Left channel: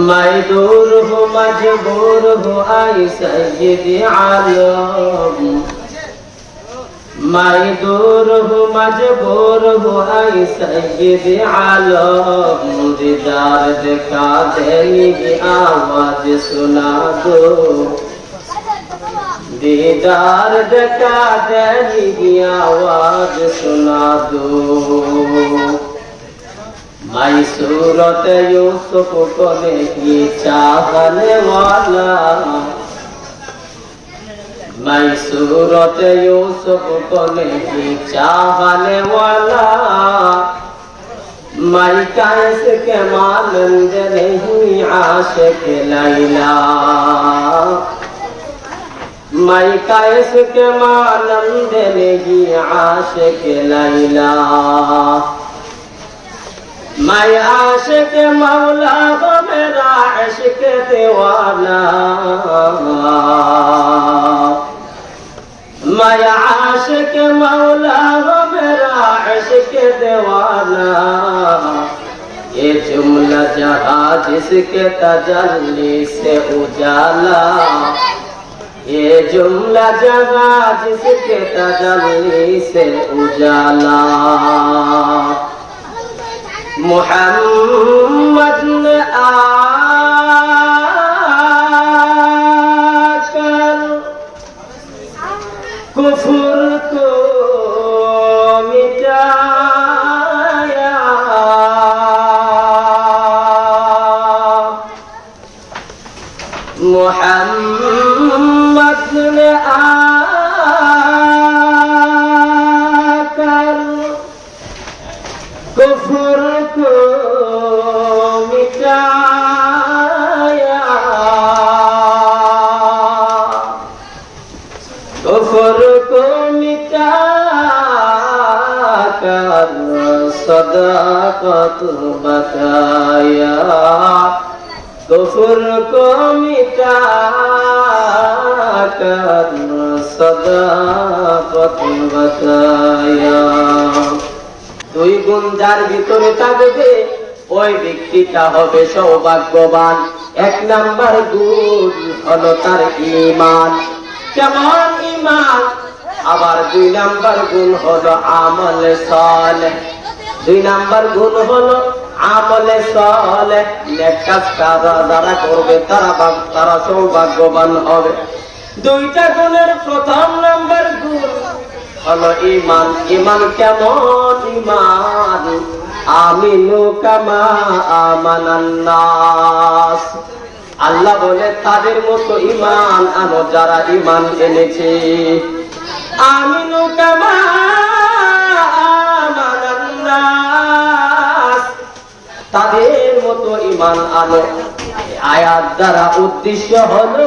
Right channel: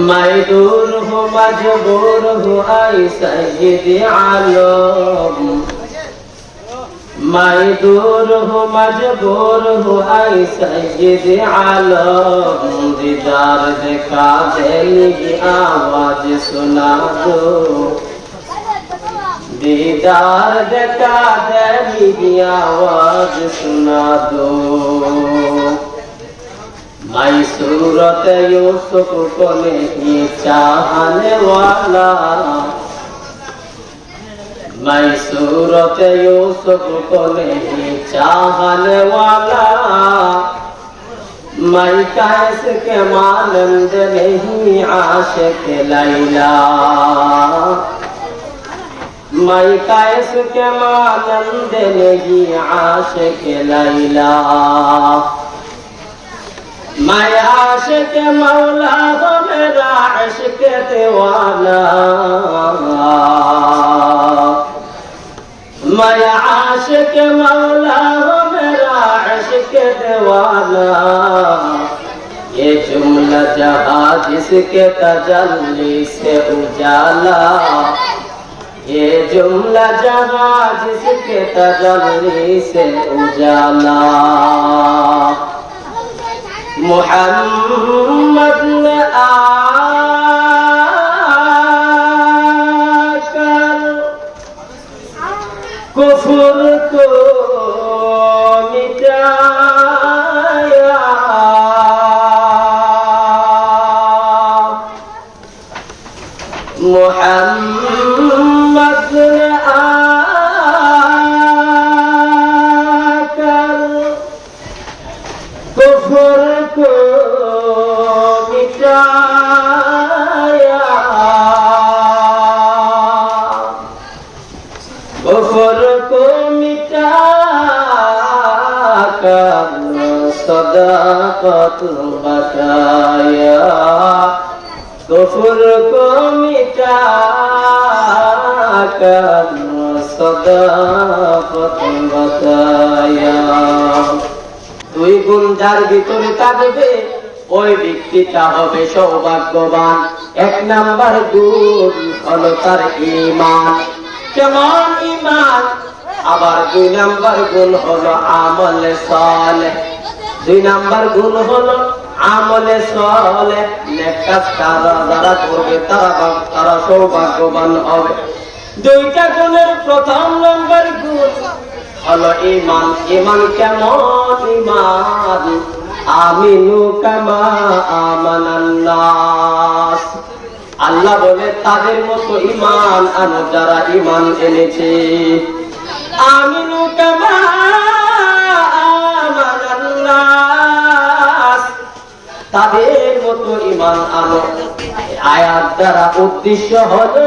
मैं दूर हूँ मजबूर हूँ आई सैयदी आलम, मैं दूर हूँ मजबूर हूँ आई सैयदी आलम, दीदार देखा देगी आवाज सुना दो, दीदार देखा देगी आवाज सुना दो। मैं सूरत यूसुफ को नहीं चाहने वाला, मैं सूरत यूसुफ को नहीं चाहने वाला, मैं कैस के मानंद नहीं आशिक लैला, मैं कैस के मानंद नहीं आशिक लैला, मैं आशिक मौला हूँ मेरा इश्क दीवाना, मैं आशिक मौला हूँ मेरा इश्क दीवाना, ये जुमला जहाँ जिसके तजल्ली से उजाला, ये जुमला जहाँ जिसके तजल्ली से उजाला। मोहम्मद ने आकर कुफ्र को मिटाया, मोहम्मद ने आकर कुफ्र को मिटाया, कुफ्र को मिटाकर सदाकत बकाया, कुफ्र को मिटाकर सदाकत बकाया। দুই গুণ যার ভিতরে থাকবে ওই ব্যক্তিটা হবে সৌভাগ্যবান। এক নাম্বার গুণ হলো তার ঈমান। কেমন ঈমান? আবার দুই নাম্বার গুণ হলো আমলে সালেহ। দুই নাম্বার গুণ হলো আমলে সালেহ। নেক কাজ যারা করবে তারা সৌভাগ্যবান হবে। দুইটা গুণের প্রথম নাম্বার গুণ হলো ঈমান। ঈমান কেমন ঈমান? আমিনু কামা আমানান নাস। আল্লাহ বলে তাদের মতো ঈমান আনো যারা ঈমান এনেছে। আমিনু কামা আমানান নাস, তাদের মতো ঈমান আনো। আয়াত দ্বারা উদ্দেশ্য হলো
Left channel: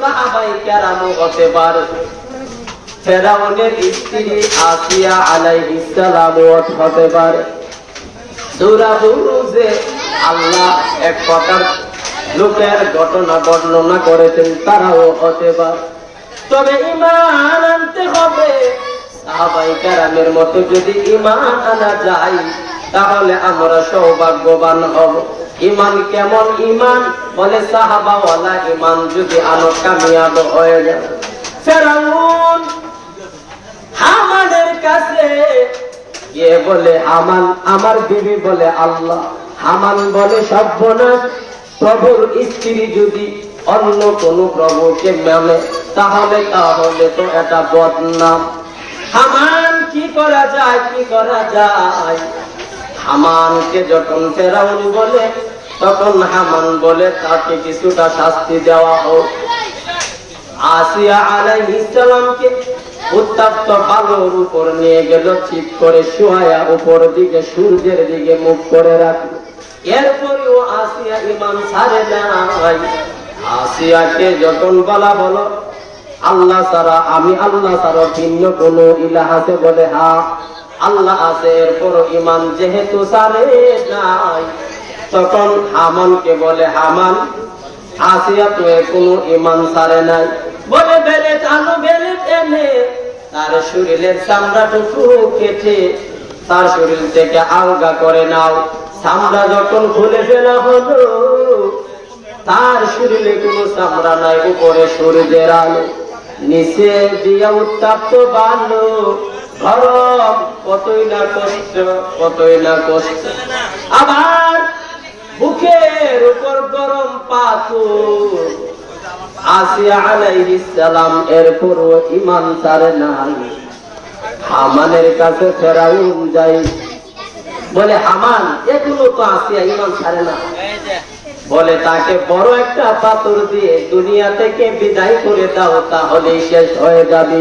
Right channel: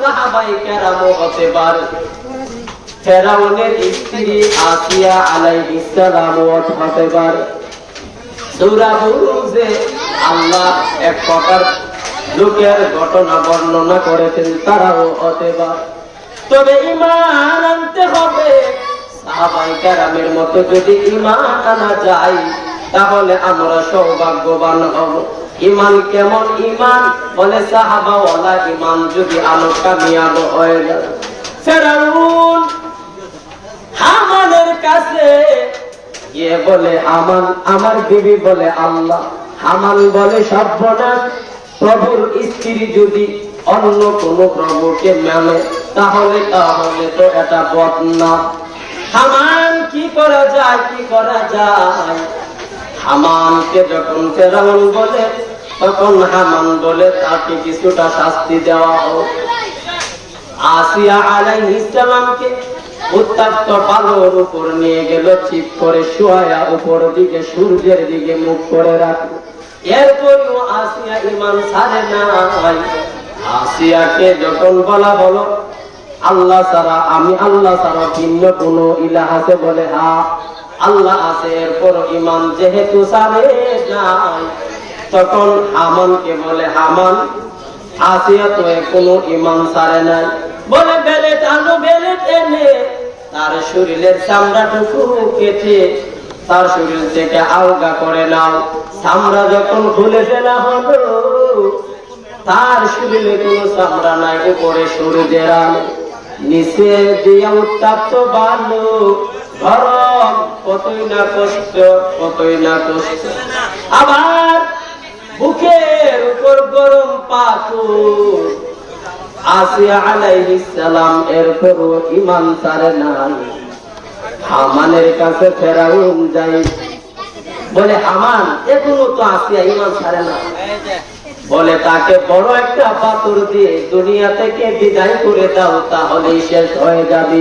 সাহাবায়ে কেরাম হতে পারে, ফেরাউনের স্ত্রী আসিয়া আলাইহিস সালাম হতে পারে। সূরা বুরুজে আল্লাহ এক প্রকার লোকের ঘটনা বর্ণনা করেছেন, তারাও হতে পারে। তবে ঈমান আনতে হবে। সাহাবায়ে কেরামের মতো যদি ঈমান আনা যায় তাহলে আমরা সৌভাগ্যবান হব। ঈমান কেমন ঈমান? বলে সাহাবাওয়ালা ঈমান যদি আনো কামিয়াব হয়ে যাবে। ফেরাউন হামানের কাছে গিয়ে বলে হামান আমার বিবি বলে আল্লাহ, হামান বলে সর্বনাশ, প্রভুর স্ত্রী যদি অন্য কোন প্রভুকে মানে তাহলে তো এটা বদনাম। হামান কি করা যায়, কি করা যায়? হামানকে যখন ফেরাউন বলে তখন হামান বলে তাকে কিছুটা শাস্তি দেওয়া হোক। আসিয়া আলাইহিস সালামকে উত্তপ্ত বালুর উপর নিয়ে গেল, চিপ করে শুয়ায়া উপর দিকে সূর্যের দিকে মুখ করে রাখলো। এরপরেও আসিয়া ঈমান ছাড়ে নাই। আসিয়াকে যখন বলা হলো আল্লাহ ছাড়া, আমি আল্লাহ ছাড়া ভিন্ন কোন ইলাহ আছে? বলে হ্যাঁ আল্লাহ আছে। এরপরও ঈমান যেহেতু ছাড়ে নাই, তখন হামানকে বলে হামান আসিয়া তো কোনো ঈমান ছাড়ে নাই। বলে বেলেট আনো, বেলেট এনে তার শরীরের চামড়াটুকু কেটে তার শরীর থেকে আলগা করে নাও। চামড়া যখন খুলে ফেলা হলো তার শরীরে কোনো চামড়া নাই, উপরে সূর্যের আলো, নিচে দিয়া উত্তপ্ত বালু, গরম, কতই না কষ্ট, কতই না কষ্ট। আবার বুকের উপর গরম পাথর। আসিয়া আলাইহিস সালাম এরপরও ঈমান ছাড়ে নাই। হামানের কাছে ফেরাউন যাই, বলে হামান এগুলো তো আসিয়া ঈমান ছাড়ে না, বলে তাকে বড় একটা পাথর দিয়ে দুনিয়া থেকে বিদায় করে দাও, তাহলেই শেষ হয়ে যাবে।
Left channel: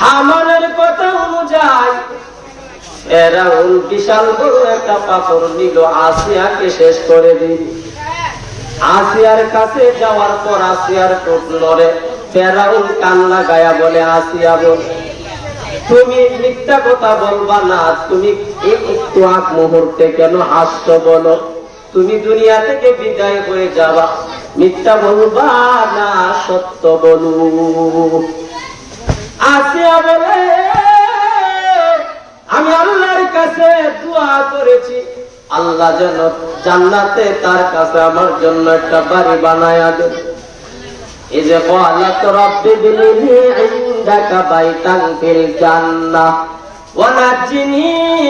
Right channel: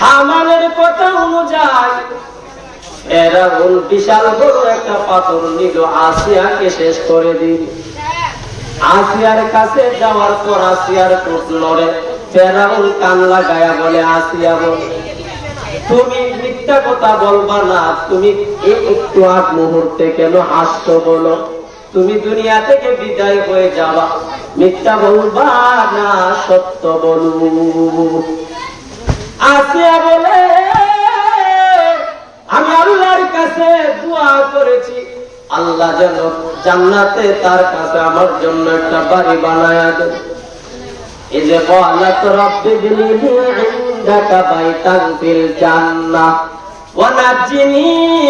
হামানের কথা অনুযায়ী ফেরাউন বিশাল বড় একটা পাথর নিল, আসিয়াকে শেষ করে দিল। আসিয়ার কাছে যাওয়ার পর আসিয়ার ঠোঁট নড়ে। ফেরাউন কান লাগায়া বলে, আসিয়া বল, তুমি মিথ্যা কথা বলবা না, তুমি একটু আগ মুহূর্তে কেন হাসছো বলো? তুমি দুনিয়া থেকে বিদায় হয়ে যাবা, মিথ্যা বলবা না, সত্য বলো। আসিয়া বলে, আমি আল্লাহর কাছে দোয়া করেছি, আল্লাহ যেন জান্নাতে তার কাছে আমার জন্য একটা বাড়ি বানায়া দেন। এই যে ক্বালাত রাব্বি বিনি ইনদাকা বাইতান ফিল জান্নাহ ওয়া নাজ্জিনি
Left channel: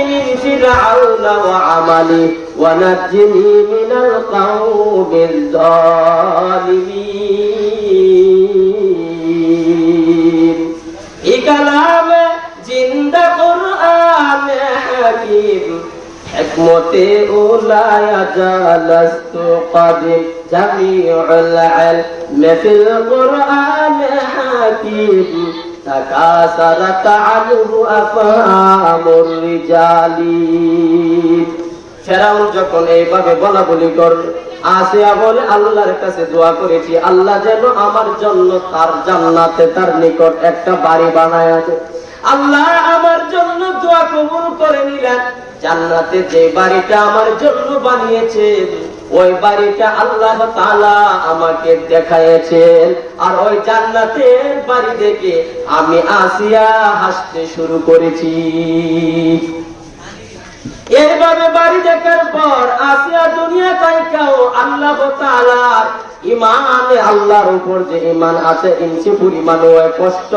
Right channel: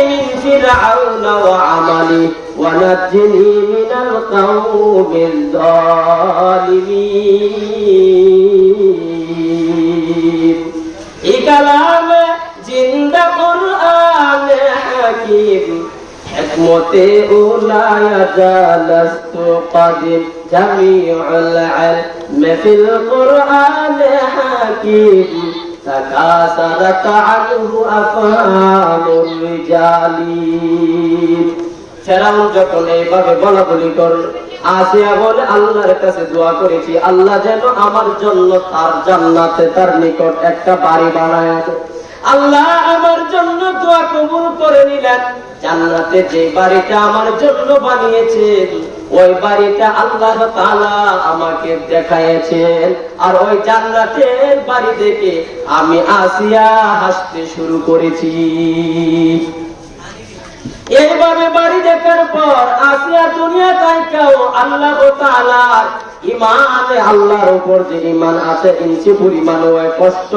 মিন ফিরআউনা ওয়া আমালি ওয়া নাজ্জিনি মিনাল কওমিল যালিমিন। এই কালাম জিন্দা কুরআন হাকিম, হিকমতে উলায়া জালাস্তু কাদিম, জামিউল ইলম ফিল কুরআন হাকিম, তাকাসারাত আনহু আফআলুর রিজালি। ফেরাউন যখন এইভাবে বলা বলি করল, আসিয়া বলে, আল্লাহর কাছে দোয়া করেছি, আল্লাহ যেন আমার জন্য তার জান্নাতে তার নিকট একটা বাড়ি বানায়া দেয়। আল্লাহ আমার জন্য দোয়া কবুল করে নিলেন। জান্নাতে যে বাড়িটা আমার জন্য বানিয়েছেন, ওই বাড়িটা আল্লাহ তাআলা আমাকে দেখাইয়েছেন। আর ওই জান্নাতের বাড়ি দেখে আমি আসিয়া হাসতে শুরু করেছি। এইভাবে বাড়ি দেখার পর আসিয়া দুনিয়া তাইকাও আল্লাহ তাআলার ঈমান, আল্লাহর উপর যে ঈমান আছে, ইঞ্চি পরিমাণও কষ্ট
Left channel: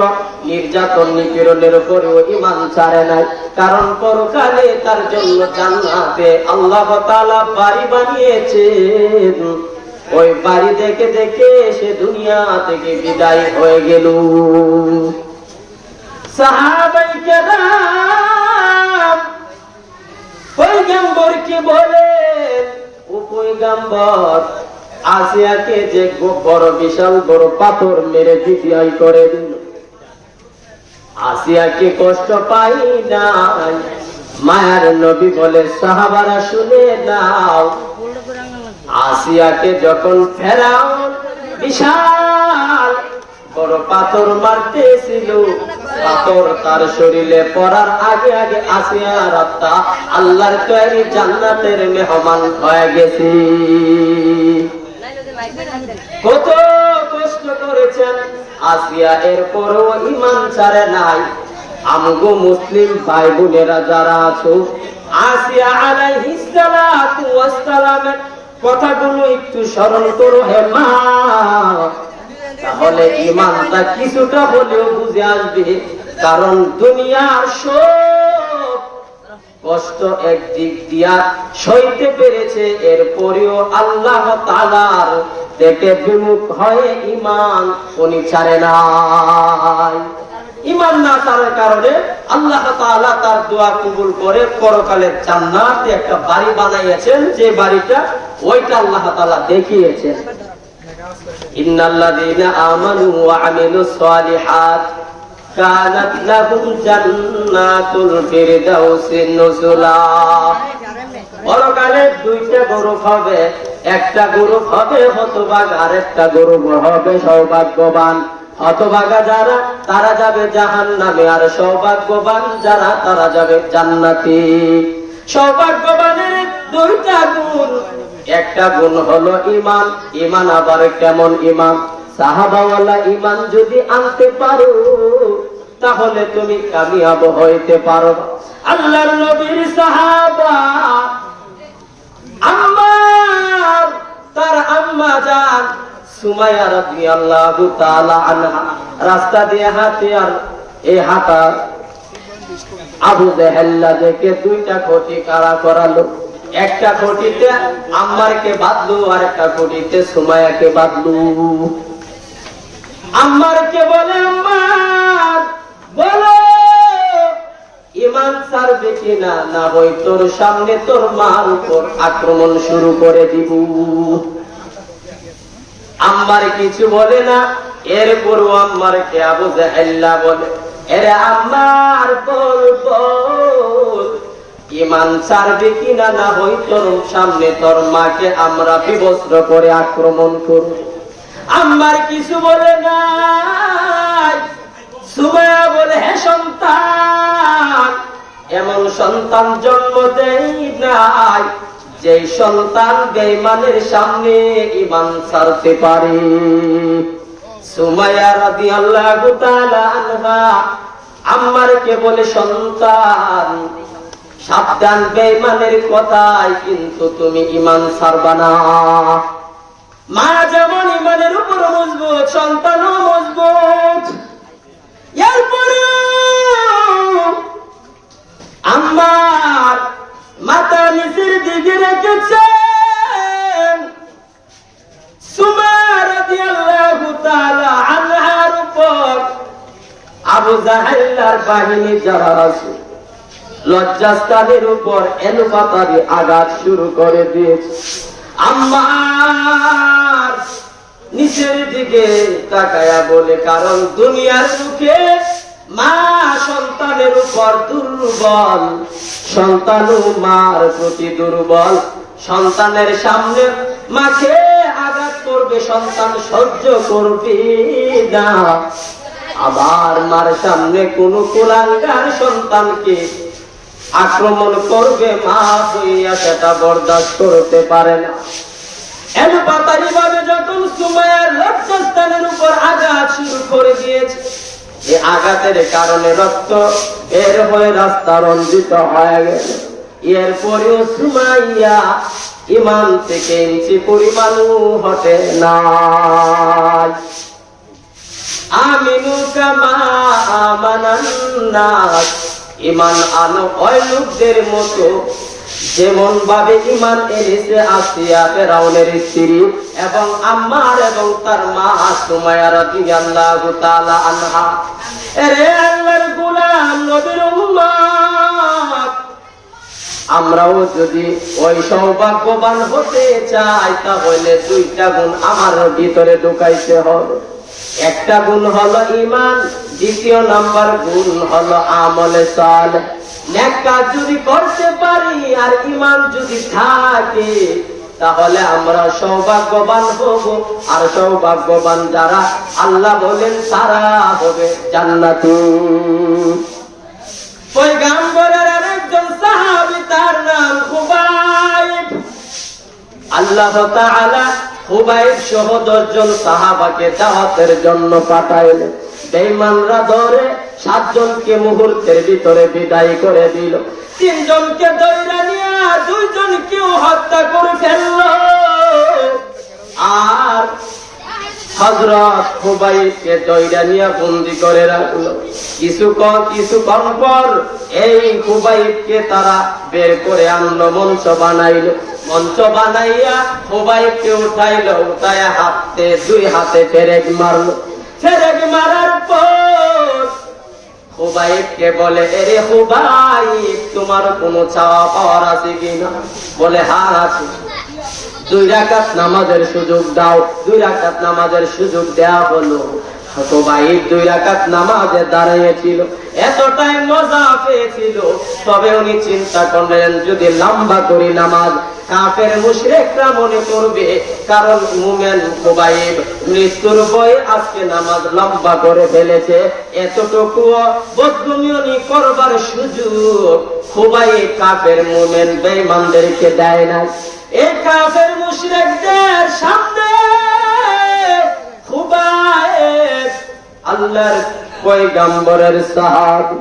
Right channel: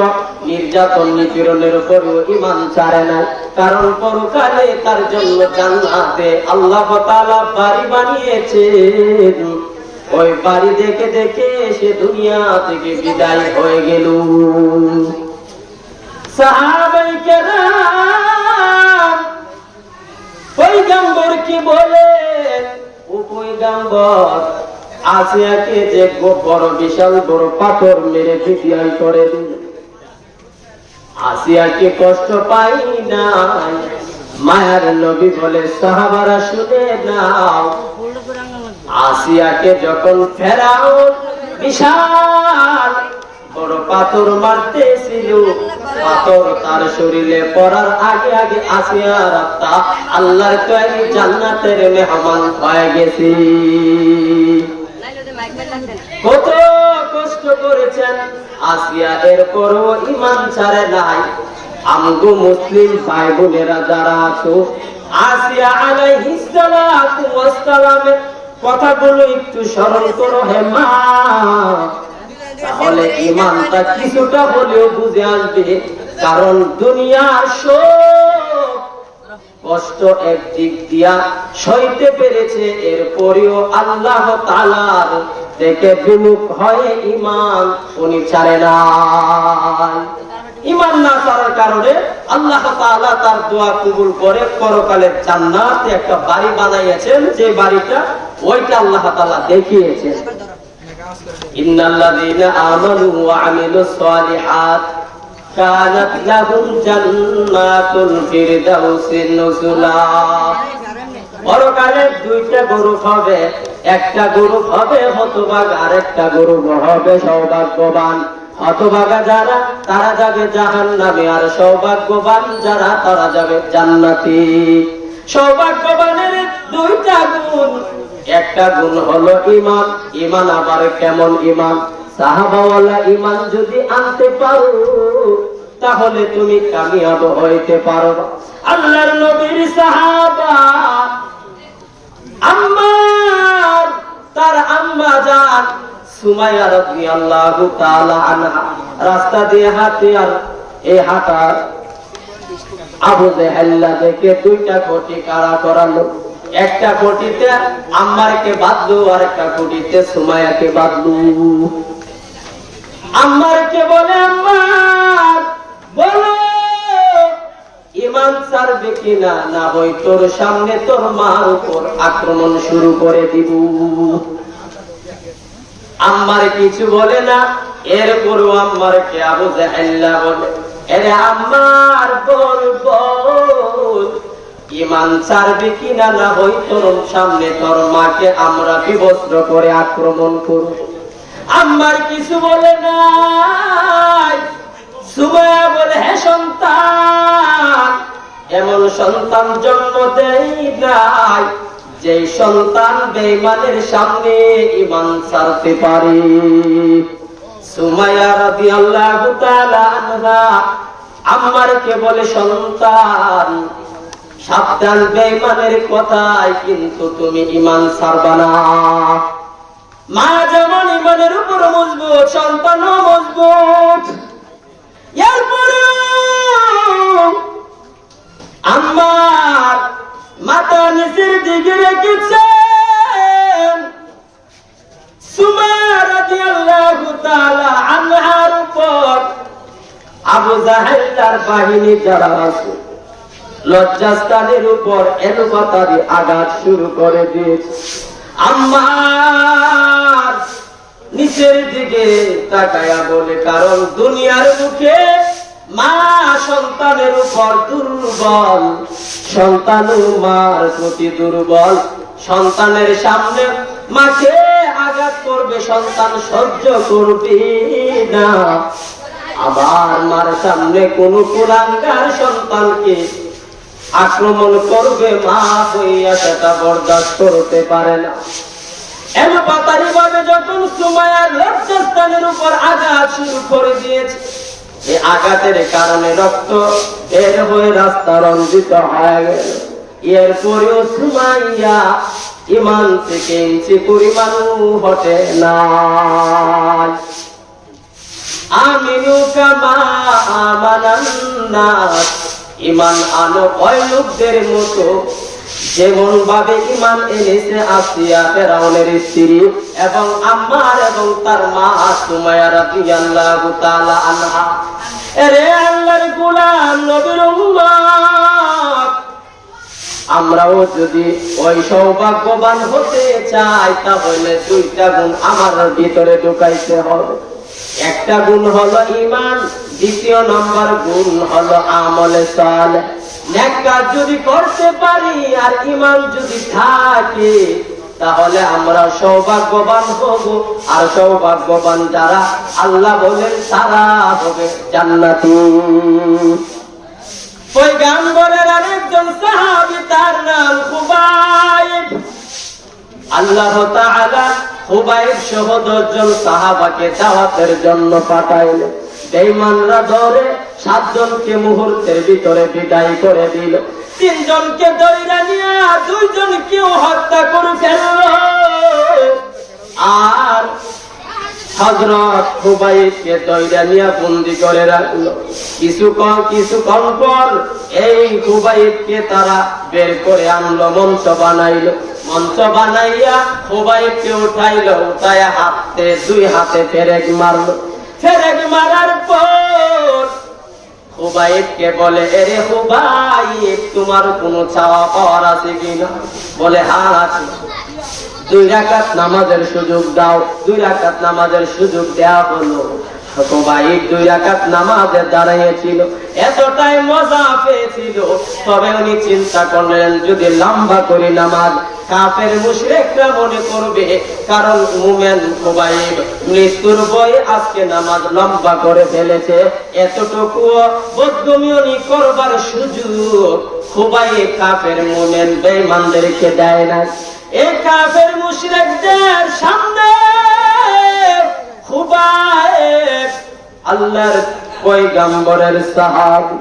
নির্যাতন নিপীড়নের উপরেও ঈমান ছাড়ে না। কারণ পরকালে তার জন্য জান্নাতে আল্লাহ তাআলা বাড়ি বানিয়েছেন। ওই বাড়ি দেখে দেখে সে দুনিয়া থেকে বিদায় হয়ে গেল। সাহাবায়ে কেরাম পয়গম্বরকে বলে, ও পয়গম্বর, আসিয়াকে যে বড় বিশাল বড় পাথর মেরে বিদায় করে দিল, আসিয়াকে কষ্ট পাই না। মায়ার নবী বলে, সাহাবারা শুনে নাও, আসিয়াকে যখন ফেরাউন বিশাল বড় পাথর মারতেছিল, পাথর তার শরীরে পড়ার আগে আগে আসিয়ার আত্মা আল্লাহর তৈরি জান্নাতের মেহমান হয়ে গেছে। কত কষ্ট করেছেন আসিয়া, এরপরও ঈমান ছাড়ে নাই। আমগো মুসলিম ভাই বোনেরা যারা আছো, আসিয়া আলাইহিস সালাতু ওয়াস সালামের কথাগুলো একটু স্মরণ করো হে মা, তাহলে ঈমানটা কিছুটা হলেও বুঝে আসবে। কারণ দুনিয়ার সব কষ্ট একদিক দিয়া সইতে পেরেছে, এরপরেও আল্লাহ তাআলার থেকে বিমুখ হয়ে ঈমান উনি ছাড়ে নাই। ঈমান না ছাড়ার কারণে আল্লাহ তাআলা তার দোয়া কবুল করে পরকালের জান্নাতে একটা বাড়ি বানাইয়েছেন, যে বাড়িটা ওইটা আল্লাহ তাআলা দেখিয়েছেন। ইন্নাল্লাযীনা আমানু ওয়া আমিলুস সালিহাত কানাত লাহুম জান্নাতুল ফিরদাউসি নুজুলা। পরকালে দুইটা গ্রুপ হবে, একটা গ্রুপ হবে হতভাগা, আর একটা গ্রুপ হবে সৌভাগ্যবান। হতভাগা যারা, তারা যাবে জাহান্নামে, আর সৌভাগ্যবান যারা, তারা যাবে জান্নাতে। সৌভাগ্যবানের দুইটা গুণ, একটা গুণ হলো ঈমান। ঈমান আবার কেমন ঈমান? সাহাবাওয়ালা ঈমান যদি আনতে পারো, তাহলে তুমি কামিয়াব হইতে পারবা। আল্লাহর নবীর সাহাবা আম্মার সুমাইয়া রাদিয়াল্লাহু তাআলা আনহা রাস্তা দিয়ে হাঁটে, আর এই হাঁটা আবু জেহেল দেখে দুইটা খুঁটি কারা করালো। একটা খুঁটিতে আম্মারকে বাঁধলো, আর একটা খুঁটিতে সুমাইয়াকে বাঁধলো। আম্মারকে বলে, আম্মার বলো ঈমান ছাড়বে কিনা, না হয় তোর সামনে তোর মার উপর আক্রমণ শুরু করে দিব। আম্মার কিছু বলে না। এরপরও আম্মারকে আবু জেহেল বলে, এরে আম্মার বল ঈমান ছাড়বে কিনা, না হয় তোর সামনে তোর মাকে আমরা বিবস্ত্র করে আক্রমণ করব। আম্মার কিছু বলে না। সুমাইয়া বলে, হে সন্তান, এমন সন্তান জন্ম দেই নাই যে সন্তান বেঈমানের সামনে ঈমান ছাড়তে পারে। সুমাইয়া রাদিয়াল্লাহু তাআলা আনহা আম্মারকে বলে, সন্তান সাবধান, বেঈমানের কথায় কিন্তু তুমি ঈমান ছাড়বা না। মা যেমন ঈমানের উপর মজবুত, সন্তানও মজবুত। এরপরেও আম্মার মাথা নিচের দিকে রেখেছেন। সুমাইয়া রাদিয়াল্লাহু তাআলা আনহার উপর আবু জাহেলের বাহিনী যারা আছে লজ্জাস্থানের উপর এলোপাতাড়ি আঘাত শুরু করে দিয়েছে। আম্মার নিচের দিকে তাকায়া বলে, কারণ দুনিয়ার মুখে মা সন্তানের উপর দুর্বল, সন্তানও মার প্রতি দুর্বল। সন্তানের সামনে মাকে আঘাত করবে, সন্তান সহ্য করবে না। আবার মার সামনে কোন কুলাঙ্গার সন্তানকে আক্রমণ করবে, মা হইয়া সেটা বরদাস্ত করতে পারে না। এলোপাতাড়ি ভাবে যখন সুমাইয়ার লজ্জাস্থানের উপর আঘাত শুরু করে দিয়েছে, এই আঘাতের কারণে রক্ত বের হয়ে রাস্তা রঞ্জিত হয়ে গেল। এরপরেও সুমাইয়া ঈমান থেকে ইঞ্চি পরিমাণও হটে না। আমিনু কামা আমানান নাস, ঈমান আনো ওই লোকদের মতো যেমন ভাবে ঈমান এনেছে আসিয়া ফেরাউনের স্ত্রী এবং আম্মার এবং তার মা সুমাইয়া রাদিয়াল্লাহু তাআলা আনহা। এরে আল্লাহর গোলাম, নবীর উম্মত, আমরাও যদি ওই সৌভাগ্যবান হতে চাই তাহলে দুইটা গুণ আমার ভিতরে ঢুকাইতে হবে। একটা গুণ হলো ঈমান, দ্বিতীয় নম্বর গুণ হলো আমলে সালেহ। নেক কাজ যদি করতে পারি আর ঈমান যদি থাকে তাহলে আমরা সৌভাগ্যবান হব। আর সৌভাগ্যবান যারা, আল্লাহ বলেন তারা হবে জান্নাতি। পয়গম্বরের আরেকজন সাহাবী, তার নাম খুবাইব। আল্লাহ তাআলা খুবাইব সহ 10 জন সাহাবাকে দাওয়াতের জন্য পাঠাইলেন। বেঈমানরা ধরে 7 জনকে মুহূর্তের ভিতরে বিদায় করে দিল। 3 জনকে ধরে নিয়ে 2 জনকে হত্যা করে ফেলল। আর হযরত খুবাইবকে ধরে নিয়ে বন্দী করে রাখলো। কিছুক্ষণ পর এই খুবাইবকে তারা বের করে আনলো, মঞ্চ বানাইলো। মঞ্চ বানাইয়া খুবাইবকে উঠাইলো, উঠাইয়া হাতে 2 হাতে পেরেক মারলো। পেরেক মারার পর খুবাইবকে বলে, এরে খুবাইব, তোমার কোনো চাওয়া পাওয়ার আছে কিনা? বলে, হ্যাঁ আছে। 2 রাকাত নামাজের সুযোগ দাও। 2 রাকাত নামাজের সুযোগ দেয়া হলো। খুবাইব 2 রাকাত নামাজে দাঁড়িয়েছিল, এতটাই মজা পেয়েছিল। তবে উনি চিন্তা করলেন, যদি লম্বা করে নামাজ কাফের মুশরিকরা মনে করবে, কারণ মুমিন খুবাইব মৃত্যুর ভয়ে আজকে নামাজ লম্বা করে ফেলেছে। এতটুকু বদগুমি করবার সুযোগ খুবাইব কাফের মুমিন বেঈমানদেরকে দেয় না। এই কাফের মুশরিকদের সামনে খুবাইব আল্লাহর পয়গম্বরের সাহাবী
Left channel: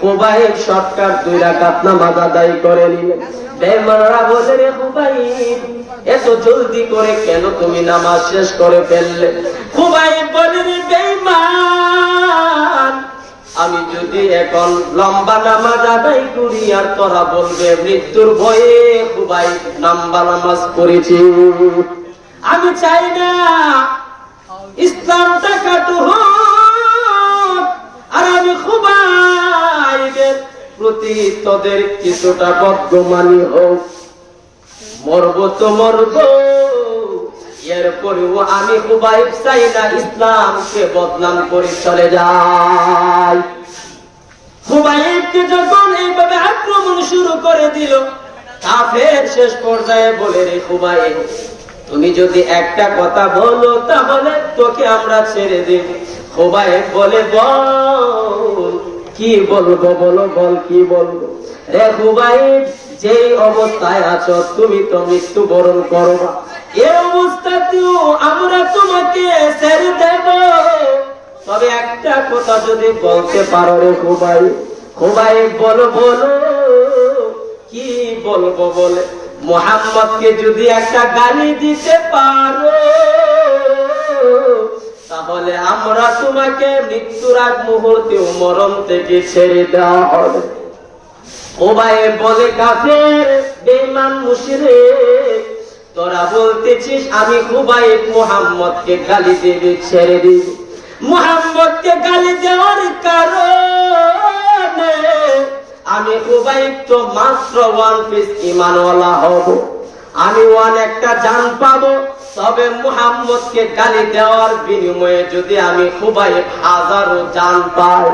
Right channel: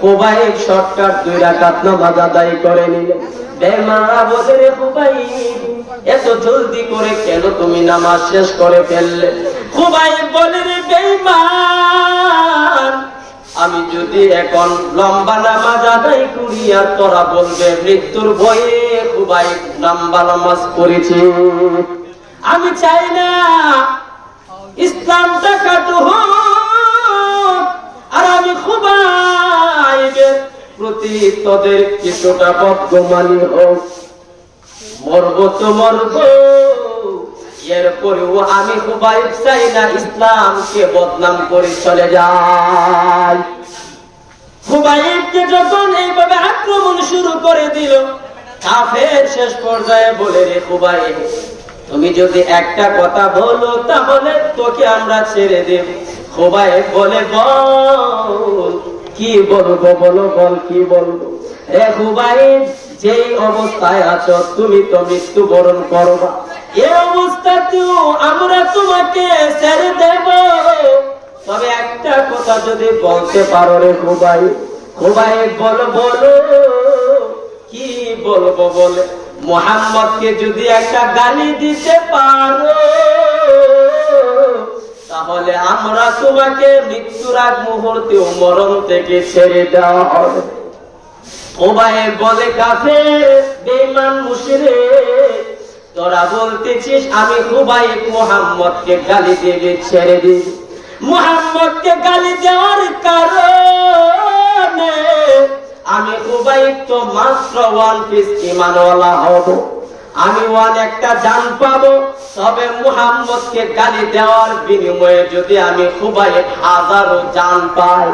খুবাইব শর্টকাট 2 রাকাত নামাজ আদায় করে নিলেন। বেঈমানরা বলে, রে খুবাইব, এত জলদি করে কেন তুমি নামাজ শেষ করে ফেললে? খুবাইব বলে, রে বেঈমান, আমি যদি এখন লম্বা নামাজ আদায় করি আর তোরা বলবে মৃত্যুর ভয়ে খুবাইব লম্বা নামাজ পড়েছি। আমি চাই না ইসলামটা কাটু হোক, আর আমি খুবাইবের প্রতি তোদের কিছুটা বদগুমানি হোক। মরবো তো মরবো, এরপরেও আমি খুবাইব চাই না ইসলামকে বদনাম করে চলে যায়। খুবাইবকে যখন এইভাবে আক্রমণ শুরু করে দিল, কাফের শেষ পর্যায়ে বলে, রে খুবাইব, তুমি যদি একটা কথা বলো তাহলে তোকে আমরা ছেড়ে দেব। খুবাইব বলে, বল, কি বলবো বলো, বল কি বলবো? রে খুবাইব, যেই অবস্থায় আছো তুমি তো মৃত্যুবরণ করবা, এই অবস্থাতেও আমরা তোমাকে ছেড়ে দেব, তবে একটা কথা যদি বলতে পারো রে খুবাইব। খুবাইব বলো, বলো, কি বলবো? বলে, মুহাম্মদকে যদি একটা গালি দিতে পারো তাহলে আমরা তোমাকে মৃত্যুর আগ মুহূর্তে মরণ থেকে ছেড়ে দেওয়া হবে। খুবাইব বলে, কাফের, বেঈমান, মুশরিক, তোরা বলতেছিস আমি খুবাইব মুহাম্মদকে গালি দেবে, ছেড়ে দিবি? মুহাম্মদকে গালি দেওয়ার কারণে আমি খুবাইব তো মাত্র 1 পিস ঈমানওয়ালা হব, আমি একটা জান পাবো। তবে মুহাম্মদকে গালি দেওয়ার বিনিময়ে যদি আমি খুবাইব হাজারো জান পাই,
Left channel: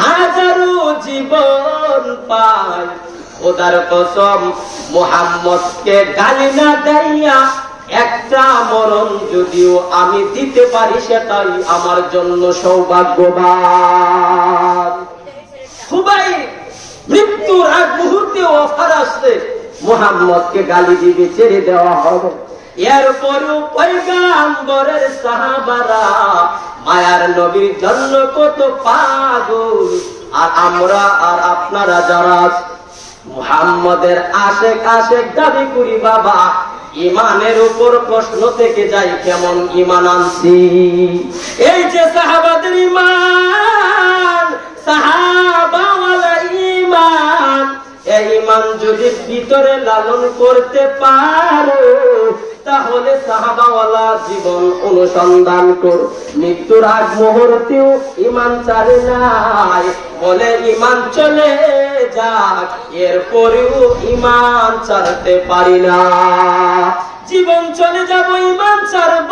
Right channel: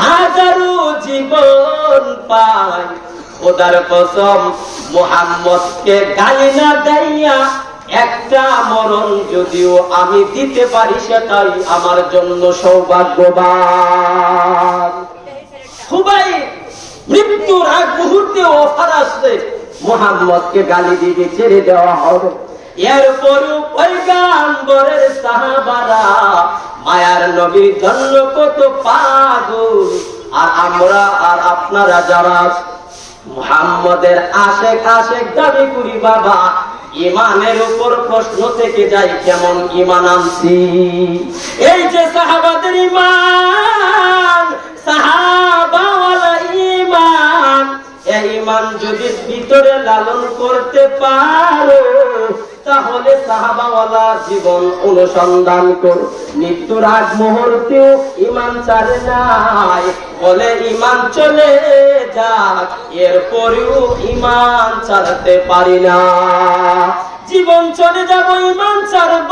হাজারো জীবন পাই, খোদার কসম মুহাম্মদকে গালি না দেইয়া একটা মরণ যদিও আমি দিতে পারি সেটাই আমার জন্য সৌভাগ্যবান। খুবাইব মৃত্যুর আগ মুহূর্তে অফার আসছে, মুহাম্মদকে গালি দিবে, ছেড়ে দেওয়া হবে। এরপরও পয়গম্বরের সাহাবারা মায়ার নবীর জন্য কত পাগল, আর আমরা আর আপনারা যারা মুহাম্মদের আশেক দাবি করি, বাবা ইমানের উপর প্রশ্ন থেকে যাই, কেমন ইমান আনছি? এই যে সাহাবাদের ইমান, সাহাবাওয়ালা ইমান, এই ইমান যদি ভিতরে লালন করতে পারো তাহলে সাহাবাওয়ালা জীবন অনুসন্ধান করো। মৃত্যুর আগ মুহূর্তেও ইমান ছাড়ে নাই, বলে ইমান চলে যাক এরপরেও ইমান ছাড়তে পারি না। জীবন চলে যাব ইমান ছাড়ব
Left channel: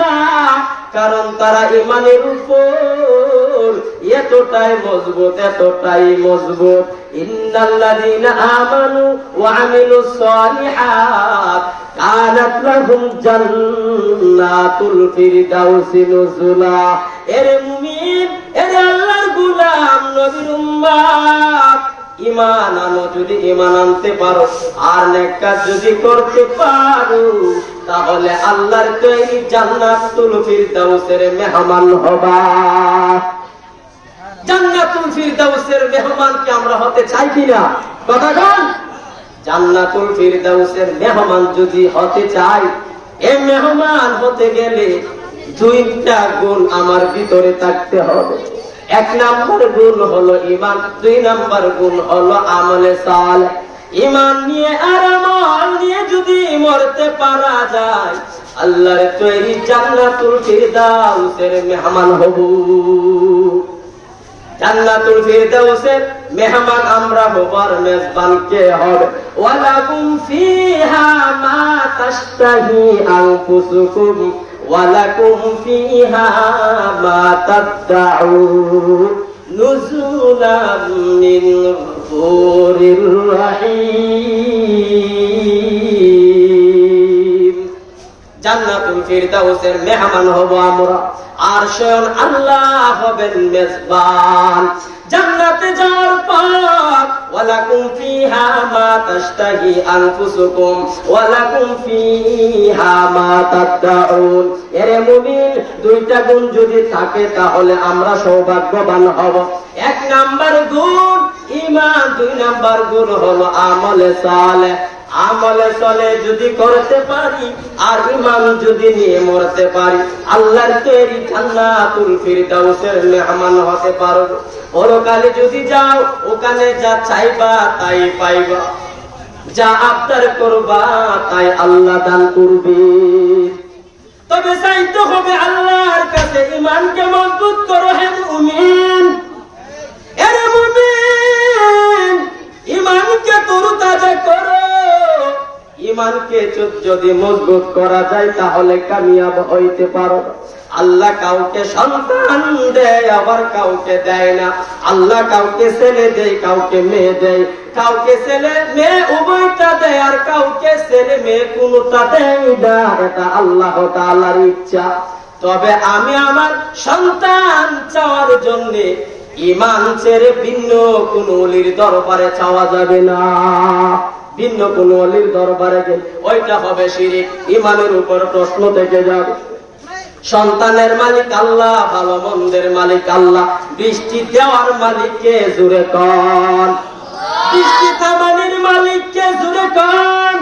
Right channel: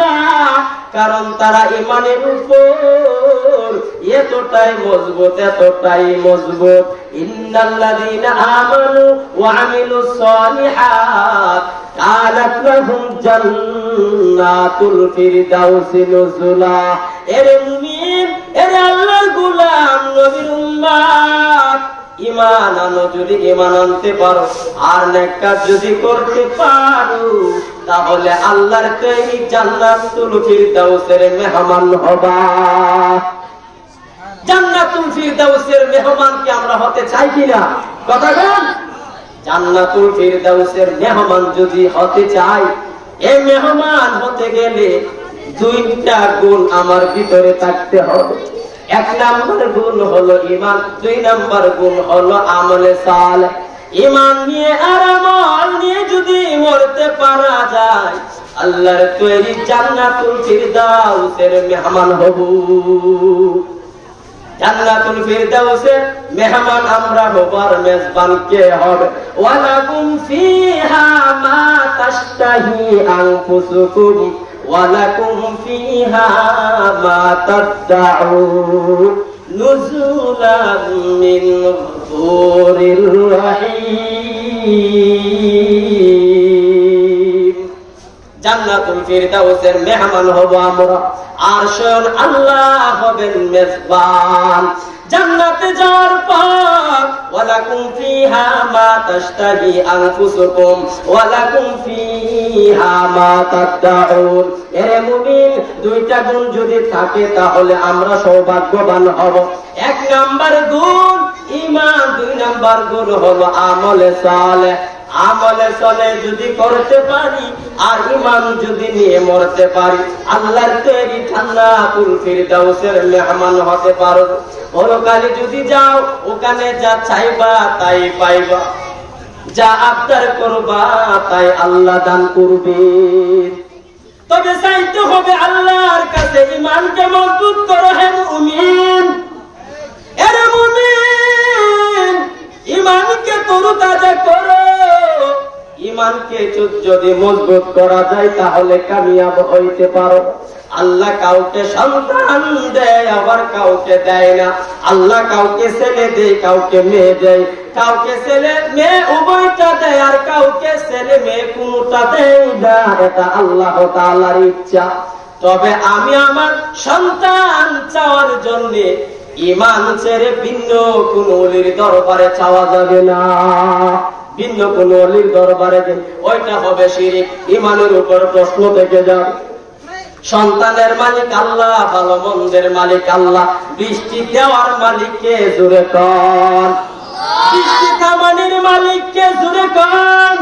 না, কারণ তারা ইমানের উপর এতটাই মজবুত। ইন্নাল্লাযীনা আমানু ওয়া আমিলুস সালিহাত কানাত লাহুম জান্নাতুল ফিরদাউসি নুজুলা। এরে মুমিন, এরে আল্লাহর গোলাম, নবীর উম্মত, ঈমান আনো। যদি ঈমান আনতে পারো আর নেক কাজ যদি করতে পারো তাহলে আল্লাহর তৈরি জান্নাতুল ফিরদাউসের মেহমান হবা। জান্নাতুল ফিরদাউসের মেহমান কি আমরা হতে চাই কিনা? কথা বল। জান্নাতুল ফিরদাউসের মেহমান যদি হতে চাই, এই মেহমান হতে গেলে 2টা গুণ আমার ভিতরে থাকতে হবে। 1 নাম্বার গুণ হলো ঈমান, 2 নাম্বার গুণ হলো আমলে সালেহ। ঈমান নিয়ে আর আমল নিয়ে যদি মরতে পারা যায়, আল্লাহর তৈরি জান্নাতুল ফিরদাউসের মেহমান হব। জান্নাতুল ফিরদাউসের মেহমান আমরা হব, আর মেজবান কে হবে? ওয়ালাকুম ফিহা মা তাশতাহি আনফুসুকুম ওয়ালাকুম ফিহা মা তাদউন নুজুলান মিন গফুরির রহিম। জান্নাতুল ফিরদাউসের মেহমান হব আমরা, আর স্বয়ং আল্লাহ হবেন মেজবান। জান্নাতে যাওয়ার পর ওয়ালাকুম ফিহা মা তাশতাহি আনফুসুকুম ওয়ালাকুম ফিহা মা তাদউন। এরে মুমিন, দুইটা গুণ যদি থাকে তাহলে আমরা সৌভাগ্যবান হব। এক নাম্বার গুণ ঈমান, দুই নাম্বার গুণ হলো আমলে সালেহ। আমলে চলে যদি করতে পারি আর ঈমান যদি নিয়ে মরতে পারি, আল্লাহর তৈরি জান্নাতুল ফিরদাউসের মেহমান হতে পারবো। পরকালে যদি যাও, ওখানে যা চাইবা তাই পাইবা, যা আবদার করবা তাই আল্লাহ দান করবে। তবে চাইতে হবে আল্লাহর কাছে ঈমানকে মজবুত করো হে মুমিন। এরে মুমিন, ঈমানকে তরতাজা করো। ঈমানকে যদি মজবুত করা যায় তাহলে কামিয়াব হইতে পারো। আল্লাহ কাউকে সন্তান দেয়, আবার কাউকে দেয় না। আল্লাহ কাউকে ছেলে দেয়, কাউকে মেয়ে দেয়। কাউকে ছেলে মেয়ে উভয়টা দেয়, আর কাউকে ছেলে মেয়ে কোনটা দেয় না। এটা আল্লাহ তাআলার ইচ্ছা। তবে আমি আমার সন্তান চাওয়ার জন্য ঈমান ছেড়ে ভিন্ন কোন ওলির দরবারে চাওয়া যাবে না। ভিন্ন কোন ওলির দরবারে গেলে ওইটা হবে শিরক। ঈমানের উপর প্রশ্ন থেকে যাবে। সন্তানের মালিক আল্লাহ, ভালো মন্দের মালিক আল্লাহ, বৃষ্টি দেওয়ার মালিককে জোরে কন, বৃষ্টি থামানোর মালিককে জোরে কন।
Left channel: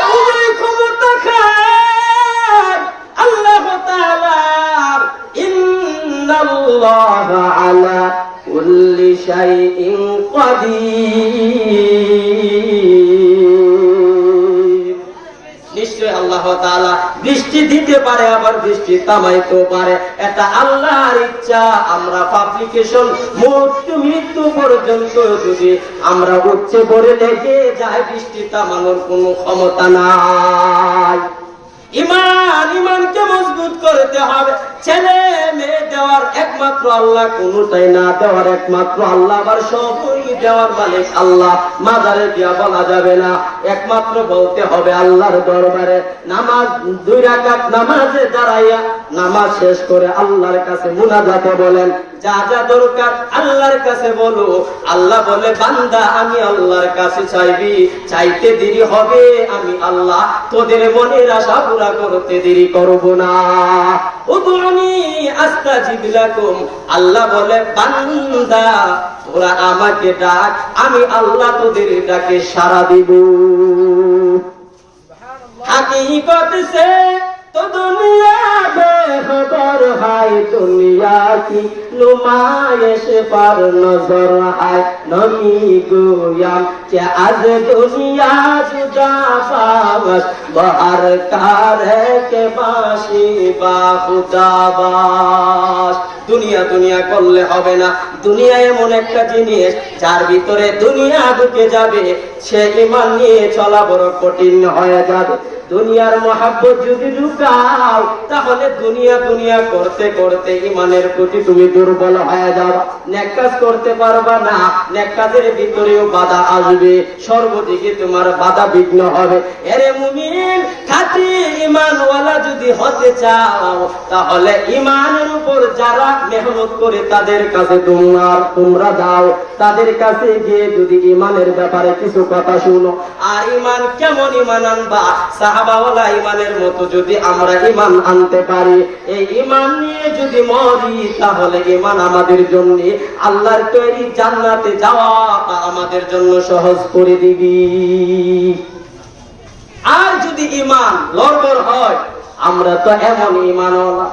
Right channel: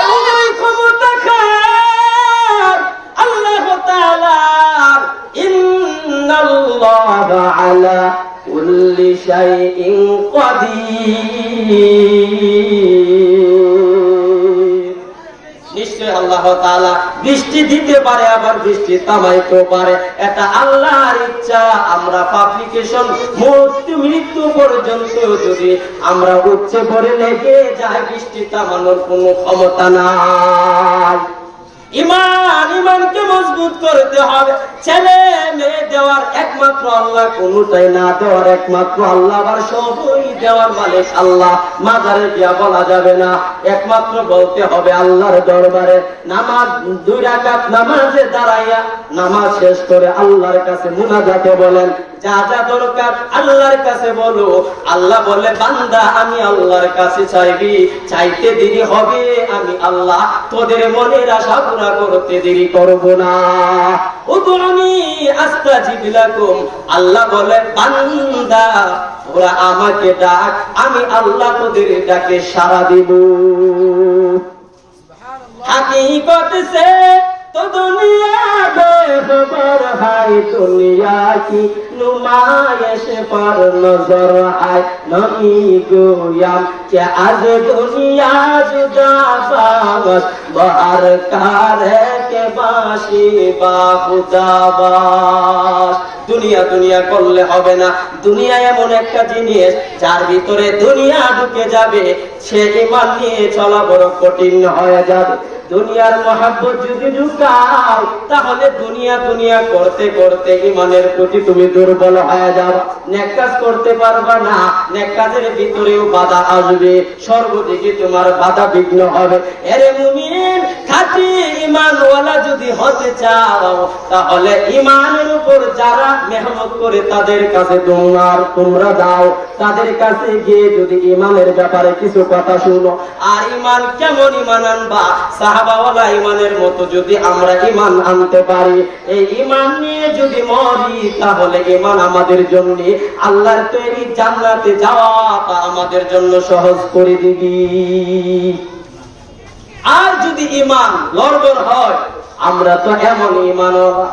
এই ক্ষমতা খায় আল্লাহ তাআলার। ইন্নাল্লাহা আলা কুল্লি শাইইন কাদির। নিশ্চয় আল্লাহ তাআলা বৃষ্টি দিতে পারে, আবার বৃষ্টি থামাইতে পারে। এটা আল্লাহর ইচ্ছা। আমরা পাবলিকেশন মৃত্যু পর্যন্ত যদি আমরা উচ্চে পড়ে লেগে যাই, বৃষ্টি থামানোর কোনো ক্ষমতা নাই। ঈমানকে মজবুত করতে হবে। ছেলে মেয়ে দেওয়ার একমাত্র আল্লাহ, কোনটাই না দেওয়ার একমাত্র আল্লাহ, আবার সবই দেওয়ার মালিক আল্লাহ। মাজারে গিয়া বলা যাবে না, একমাত্র বলতে হবে আল্লাহর দরবারে। নামাজ 2 রাকাত নামাজে দাঁড়াইয়া নামাজ শেষ করে আল্লাহর কাছে মুনাজাতে বলেন, যা যা দরকার আল্লাহর কাছে বলো। আল্লাহ বলে, বান্দা আমি আল্লাহর কাছে চাইবি, চাইতে দেরি হবে, আমি আল্লাহ তোদের মনের আশা পুরা করতে দেরি করব না। উদউনি আস্তাজিব লাকুম। আল্লাহ বলে, বান্দা তোরা আমাকে ডাক, আমি আল্লাহ তোদের ডাকে সাড়া দিব। हकीकत से तो दुनिया बेखबर है, दुनिया की नुमाइश पर नजर है। नबी गोयाम के आज दुनिया जुदा बागस बाहर कारे के बाशी बा खुदा बास। দুনিয়া দুনিয়া করলে হবে না। দুনিয়া এমন একটা জিনিস যার ভিতরে দুনিয়া ঢুকে যাবে, সে ঈমান নিয়ে চলা বড় কঠিন হয়ে যাবে। দুনিয়ার মহব্বত যদি ঢুকাও, তাহলে দুনিয়া দুনিয়া করতে করতে ঈমানের প্রতি তুমি দুর্বল হয়ে যাবে, নেক কাজ করতে পারবা না। নেক কাজের ভিতরেও বাধা আসবে, সর্বদিকে তোমার বাধা বিঘ্ন হবে। এরে মুমিন, খাঁটি ঈমানওয়ালা যদি হতে চাও, তাহলে ঈমানের উপর যারা মেহনত করে তাদের কাছে তোমরা যাও। তাদের কাছে গিয়ে যদি ঈমানের ব্যাপারে কিছু কথা শুনো, আর ঈমান কেমন ঈমান আনবা, সাহাবাওয়ালা ঈমানের মতো যদি আমরা ঈমান আনতে পারি, এই ঈমান নিয়ে যদি মরি, তাহলে ঈমান আমাদের জন্য আল্লাহর তৈরি জান্নাতে যাওয়াটা আমাদের জন্য সহজ করে দিবি। আর যদি ঈমান লড়বড় হয়, আমরা তো এমন ঈমানওয়ালা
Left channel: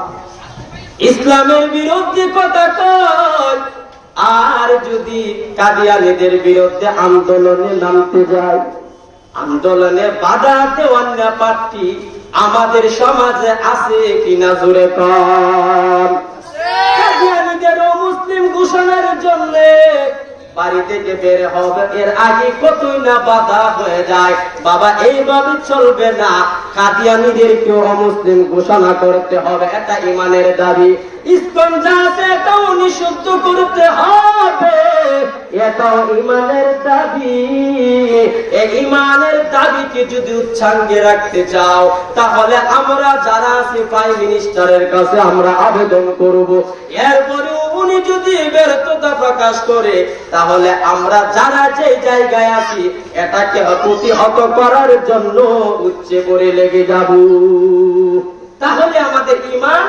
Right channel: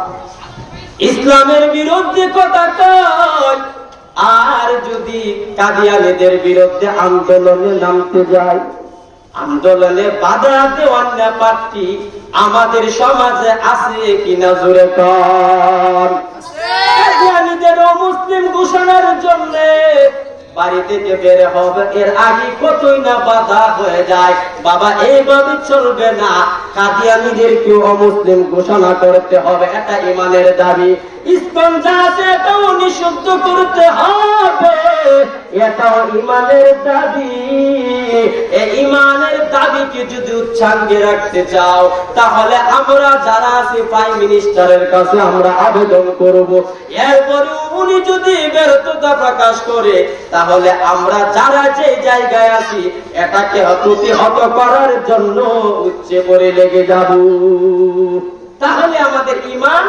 ইসলামের বিরুদ্ধে কথা কয়, আর যদি কাদিয়ানীদের বিরুদ্ধে আন্দোলনে নামতে যায়, আন্দোলনে বাধা দেওয়ার ব্যাপারটি আমাদের সমাজে আছে কিনা জোরে কর। কাদিয়ানীদের মুসলিম ঘোষণার জন্য বাড়ি থেকে বের হবে, এর আগে কতই না বাধা হয়ে যায়। বাবা এইভাবে চলবে না, কাদিয়ানীদেরকেও অমুসলিম ঘোষণা করতে হবে, এটা ইমানের দাবি। ইসকন যা আছে এটাও নিষিদ্ধ করতে হবে, এটাও ইমানের দাবি। এই ইমানের দাবিকে যদি উচ্চাঙ্গে রাখতে চাও, তাহলে আমরা যারা আছি প্রাইম মিনিস্টারের কাছে আমরা আবেদন করব। এরপরেও উনি যদি ব্যর্থতা প্রকাশ করে, তাহলে আমরা যারা যে জায়গায় আছি এটাকে প্রতিহত করার জন্য উচ্চে করে লেগে যাব। তাহলে আমাদের ইমান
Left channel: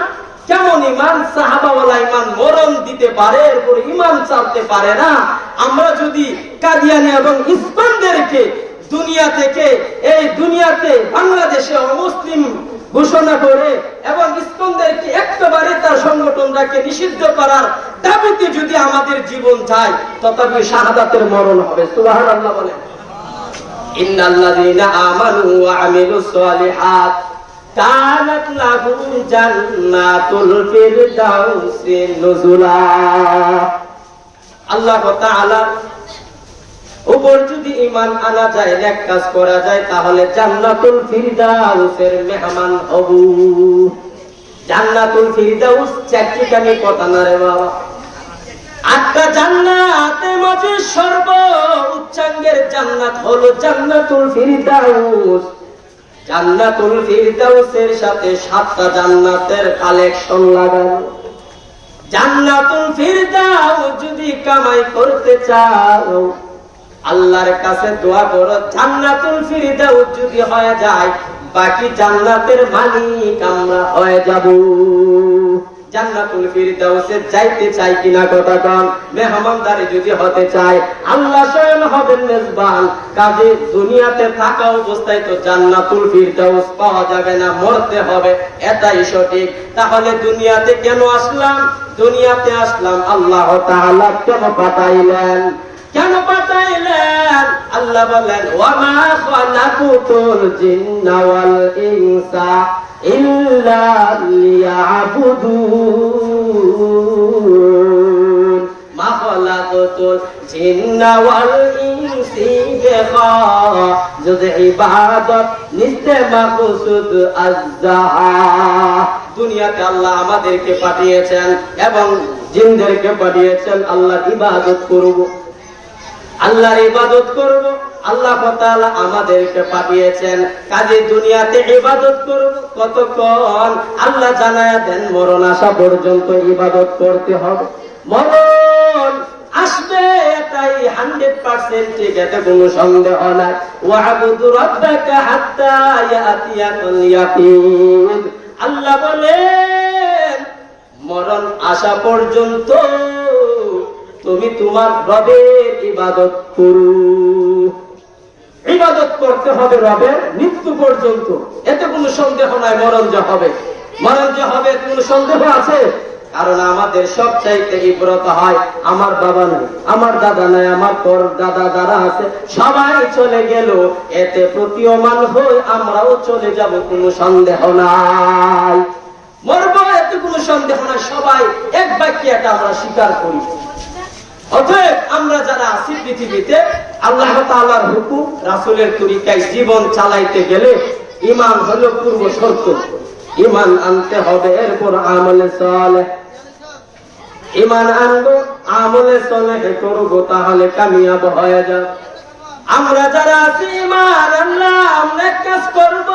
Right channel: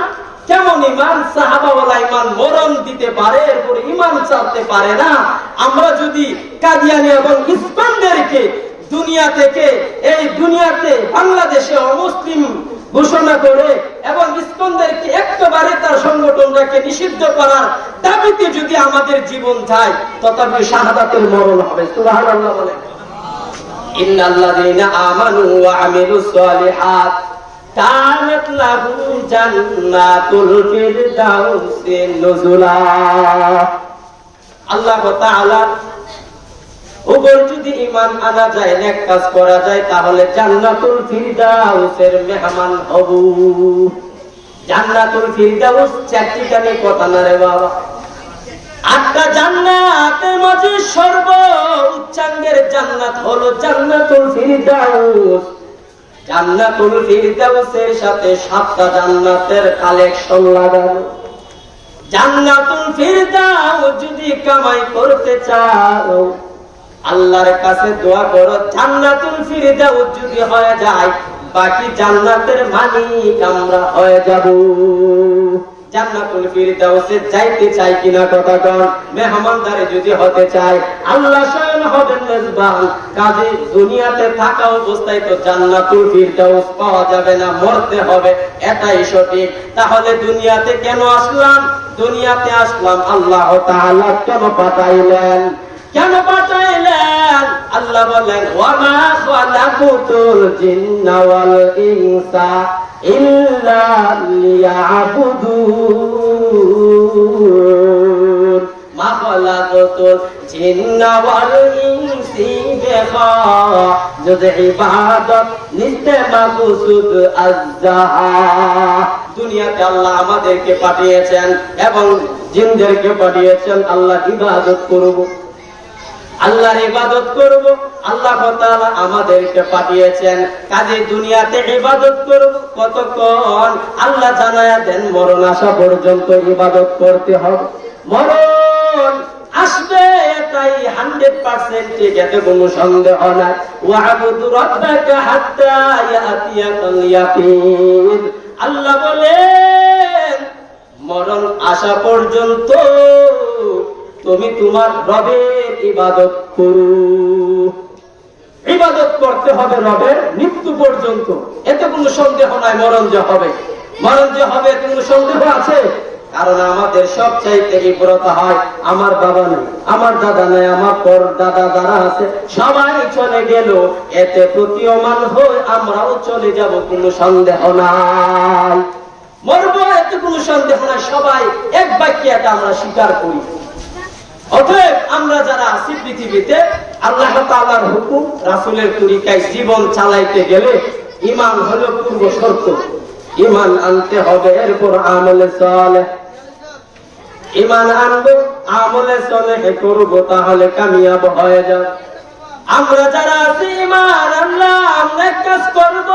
কেমন ইমান? সাহাবাওয়ালা ইমান মরণ দিতে পারে, এরপর ইমান চালতে পারে না। আমরা যদি কাদিয়ানী এবং ইসকনদেরকে দুনিয়া থেকে, এই দুনিয়াতে বাংলাদেশে অমুসলিম ঘোষণা করে এবং ইসকনদেরকে একেবারে তার সংগঠনটাকে নিষিদ্ধ করার দাবিতে যদি আমাদের জীবন যায়, তথাপি শাহাদাতের মরণ হবে। সুবহানাল্লাহ বলেন। ইন্নাল্লাযীনা আমানু ওয়া আমিলুস সালিহাত কানাত লাহুম জান্নাতুল ফিরদাউসি নুজুলা। আল্লাহ তাআলা উপর যদি ঈমান আনা যায়, নেক কাজ করা যায়, তাহলে জান্নাতুল ফিরদাউসের মেহমান হব। জান্নাতুল ফিরদাউস চারটিখানি কথা না রে বাবা। 8টা জান্নাতের মাঝে সর্ব উচ্চাঙ্গের জান্নাত হলো জান্নাতুল ফিরদাউস। জান্নাতুল ফিরদাউসের সাথে 7টা জান্নাতের কালেকশন লাগানো। জান্নাতুল ফিরদাউস যদি কামাই করতে চাও, আল্লাহর কাছে দোয়া করো, জান্নাতুল ফিরদাউস যদি হয়ে যায়, বাকি জান্নাতের মালিক আমরা হয়ে যাব। জান্নাতুল ফিরদাউসে যাইতে চাই কিনা কথা কন? মেহমানদারি যদি হতে চাই, আল্লাহ স্বয়ং হবেন মেজবান। কাজে দুনিয়াতে থাকা অবস্থায় তো জান্নাতুল ফিরদাউস পাওয়া যাবে না, মরতে হবে, এটাই সঠিক। তাহলে দুনিয়াতে কেন আসলাম? দুনিয়াতে আসলাম আল্লাহ তাআলা কেন পাঠাইলেন? কেন পাঠাইলেন? আল্লাহ বলেন, ওয়া মা খালাকুতুল জিন্না ওয়াল ইনসা ইল্লা লিয়াবুদুন। মা খালাকুতুল জিন্না ওয়াল ইনসি বিখা, যদি ইবাদত নিস্তে মাকসুদ আযহা। দুনিয়াতে আল্লাহ আমাদেরকে পাঠিয়েছেন এবং জিনদেরকে পাঠিয়েছেন আল্লাহর ইবাদত করব, আল্লাহর ইবাদত করব। আল্লাহ তাআলা আমাদেরকে পাঠিয়েছেন, কাজে দুনিয়াতে ইবাদত করব। কতক্ষণ? আল্লাহ জানায়া দেন, মরণ আসা পর্যন্ত ইবাদত করতে হবে। মরণ আসবে, এটাই 100% ঠিক, এতে কোনো সন্দেহ নাই। ওয়া'বুদু রাব্বাকা হাত্তা ইয়াতিয়াকাল ইয়াকিন। আল্লাহ বলেন, মরণ আসা পর্যন্ত তুমি তোমার রবের ইবাদত করো। ইবাদত করতে হবে রবের মৃত্যু পর্যন্ত, এতে কোনো সন্দেহ নাই। মরণ যে হবে, মরণ যে হবে, এতে কোনো সন্দেহ আছে? কারণ আমাদের সবচাইতে ইব্রত হয়, আমার বাবা নাই, আমার দাদা নাই, আমার পর দাদা যারা আছে সবাই চলে গেল, এতে প্রতীয়মান হয়ে আমরাও চলে যাব, কোনো সন্দেহ নাই। মরবো, এতে কোনো সন্দেহ নাই। সবাই এক বাক্যে এটা আমরা স্বীকার করি। অতএব আমরা যারা আছি পৃথিবীতে, আল্লাহ তাআলার হুকুম, রাসূলের তরিকায় জীবন চালাইতে গেলে ঈমান হলো পূর্ব শর্ত। ঈমান আনতে হবে, এরপর আমলে সালেহ। ঈমান আনবো, আমলে সালেহ করব, তাহলে কামিয়াব হয়ে যাব। আমরা যারা আছি ঈমান আনলাম, নেক কাজ করব।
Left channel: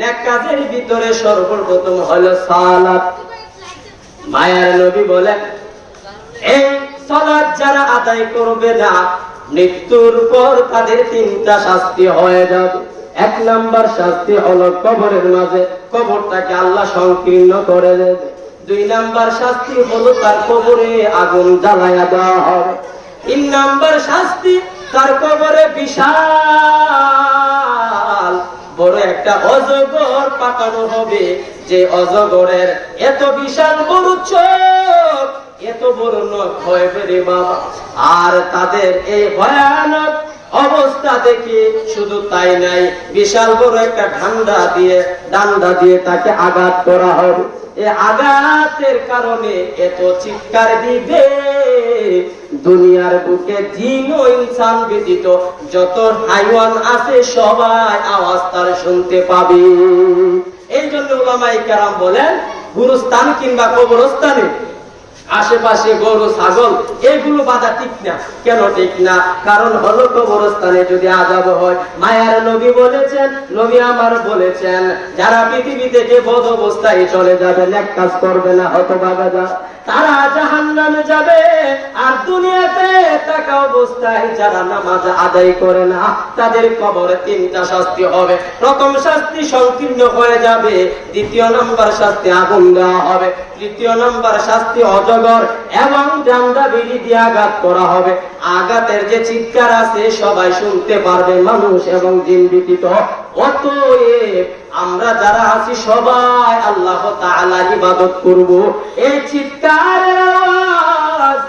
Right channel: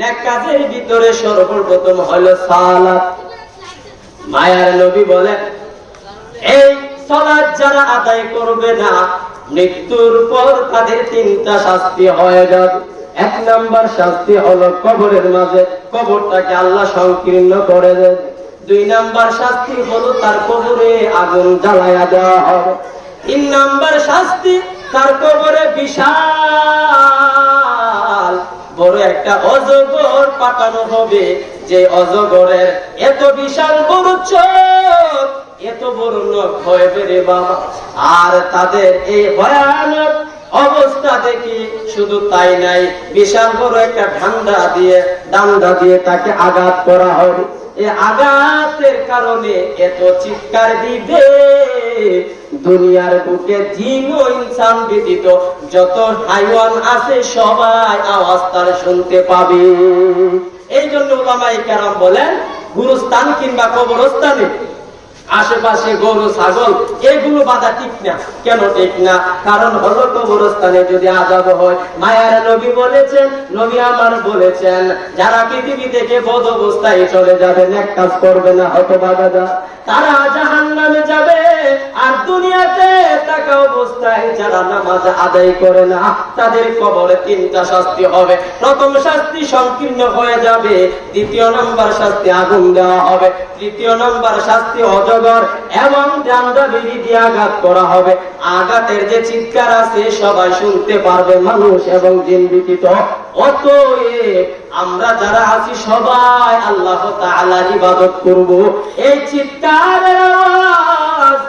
নেক কাজের ভিতরে সর্বপ্রথম হলো সালাত। মায়ার নবী বলেন, এই সালাত যারা আদায় করবে না, মৃত্যুর পর তাদের 3টা শাস্তি হয়ে যাবে। 1 নাম্বার শাস্তি হলো কবরের মাঝে কবরটাকে আল্লাহ সংকীর্ণ করে দেবে। 2 নাম্বার শাস্তি হলো তার কবরে আগুন জ্বালায়া দেওয়া হবে। 3 নাম্বার শাস্তি, তার কবরে বিশাল বড় একটা অজগর পাঠানো হবে, যে অজগরের এত বিশাল বড় চোখ, এত বড় নখ হবে রে বাবা। আর তাদের এই ভয়ানক অবস্থা দেখে শুধু তাই নাই, বিশাল বড় একটা ডান্ডা দিয়ে তাকে আঘাত করা হবে। এ আঘাতের কারণে এত চিৎকার দিবে, দুনিয়ার বুকে জিন ও ইনসান ব্যতীত যত হাইওয়ান আছে সবাই আওয়াজ তার শুনতে পাবে। এই জন্য উলামায়ে কেরাম বলেন, গুরুস্থান কিংবা কবরস্থানে আশেপাশে গরু ছাগল এগুলো বাঁধা ঠিক না। কেন ঠিক না? কারণ হলো কবরস্থানে যদি আযাব হয়, মায়ার নবী বলেছেন, নবী আমার বলেছেন, যারা পৃথিবী থেকে বদ অবস্থায় চলে যাবে, নেক কাজ করবে না, হতভাগা, তারা জাহান্নামে যাবে। আর দুনিয়াতে থাকা অবস্থায় যারা নামাজ আদায় করে না, তাদের কবরে তিনটা শাস্তি হবে। প্রথম শাস্তি সংকীর্ণ হয়ে যাবে, দ্বিতীয় নম্বর শাস্তি আগুন দেওয়া হবে, তৃতীয় নম্বর শাস্তি অজগর এবং ডান্ডা বিড়ি দিয়ে আঘাত করা হবে। আঘাতের যে চিৎকার আছে সবাই শুনতে পারবে, মানুষ এবং জিন ব্যতীত। অতএব আমরা যারা আছি সবাই আল্লাহ তাআলার ইবাদত করব। এই চিৎকারের আওয়াজ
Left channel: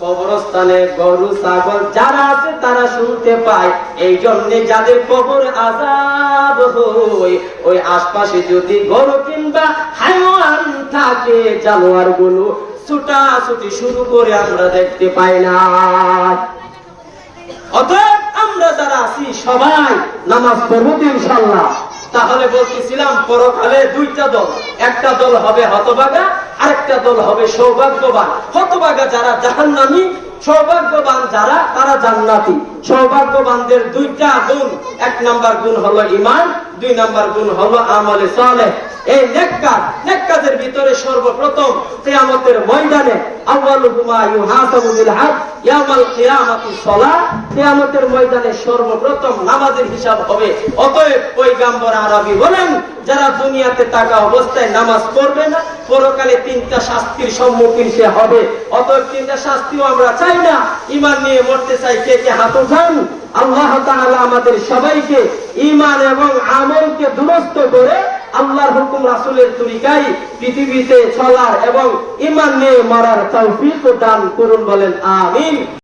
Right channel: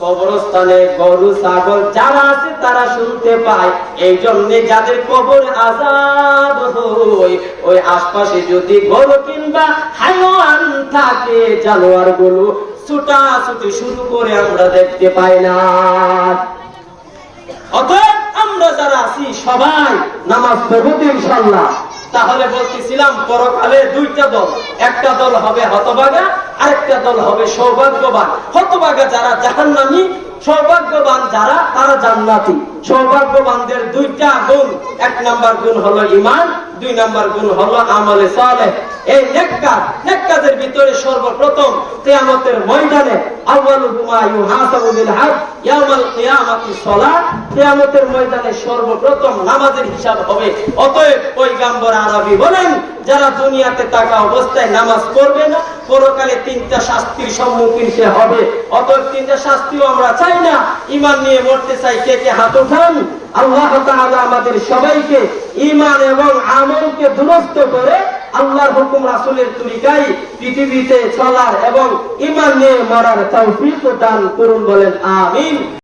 কবরস্থানে গরু ছাগল যারা আছে তারা শুনতে পায়। এই জন্য যাদের কবর আযাব হয়, ওই আশপাশে যদি গরু কিংবা হাইওয়ান থাকে, জানোয়ার গুলো ছুটাছুটি শুরু করে আমরা দেখতে পাই না। অতএব আমরা যারা আছি সবাই নামাজ পড়ব ইনশাআল্লাহ। তাহলে বলতেছিলাম পরকালে দুইটা দল, একটা দল হবে হতভাগা, আরেকটা দল হবে সৌভাগ্যবান। হতভাগা যারা জাহান্নামী, সৌভাগ্যবান যারা তারা জান্নাতি। সৌভাগ্যবানদের দুইটা গুণ, এক নাম্বার গুণ হলো ঈমান, দুই নাম্বার গুণ হলো আমলে সালেহ। এই নেককারদের ভিতরে সর্বপ্রথম কিয়ামতের ময়দানে আউয়ালু মা ইউহাসাবু বিল হাদ ইয়াউমাল কিয়ামাতি সালাত, কিয়ামতের ময়দানে সর্বপ্রথম নামাজের হিসাব হবে। অতএব পয়গম্বর আরবী বলেন, যারা দুনিয়াতে থাকা অবস্থায় নামাজ পড়বে না, পরকালে তিনটা শাস্তির সম্মুখীন সে হবে। অতএব তিনটা শাস্তিও আমরা চাই না। ঈমান নিয়ে মরতে চাই, কে কে হাত উঠান। আল্লাহ তাআলা আমাদের সবাইকে ঈমান এবং আমলকে দুরস্ত করে আল্লাহর হুকুম রাসূলের তরিকায় পৃথিবীতে চলার এবং ঈমান নিয়ে মরার তৌফিক দান করুন, বলেন আমিন।